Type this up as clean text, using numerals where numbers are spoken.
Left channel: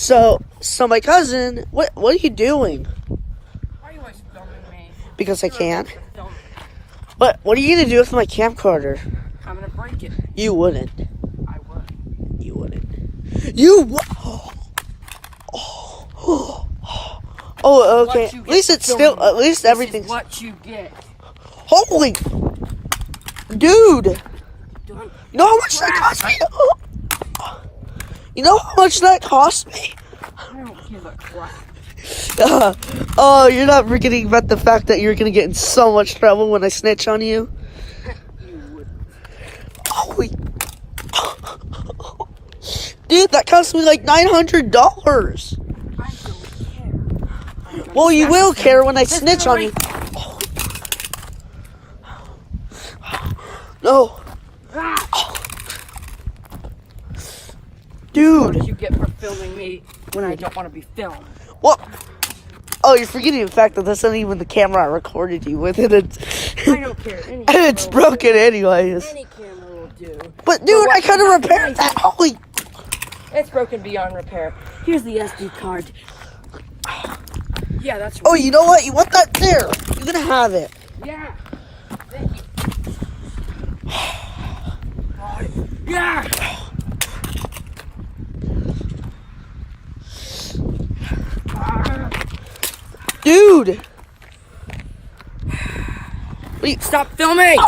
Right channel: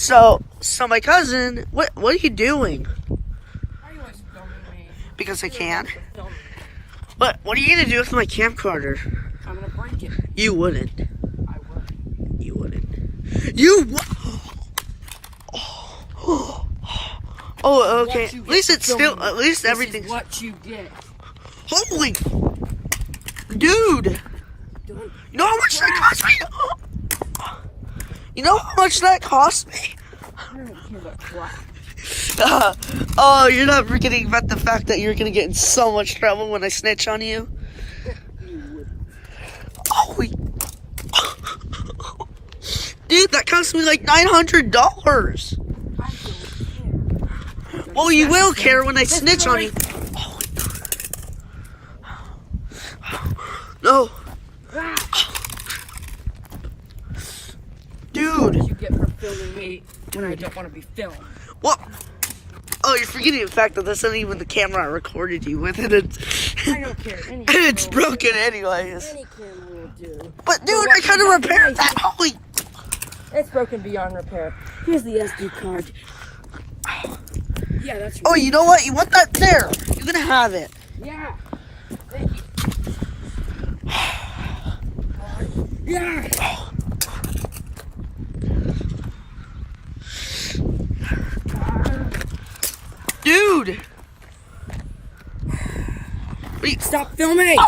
So my cousin, what are you doing? Why are you always filming me? Because I can. Film me. But what are you gonna do with my camcorder? I'm gonna break it. You wouldn't. I would. You wouldn't. You. Oh, okay. At least it's still. At least everything's. This is what you get. Holy, dude! Don't You know how much that cost me? You know how much that cost me? I don't give a crap. Oh, you're not forgetting about the fact that you're gonna get in so much trouble when I snitch on you. You would. Holy, dude, that cost me like $900. I don't care. Well, you will care when I snitch on you. No. Dude. What did you get for filming me when I don't want to be filmed? What? Oh, you're forgetting the fact that this isn't even the camera I recorded you with, and it's, I don't care. Any and it's camera will broken do. anyways. Any camera will do. But dude, I could have repaired that. Holy. It's broken beyond repair. Here's the SD card. Yeah, that's. Oh, you know what? You want that there? You're gonna have it. Yeah. Yeah. Dude. Wait. Stop filming.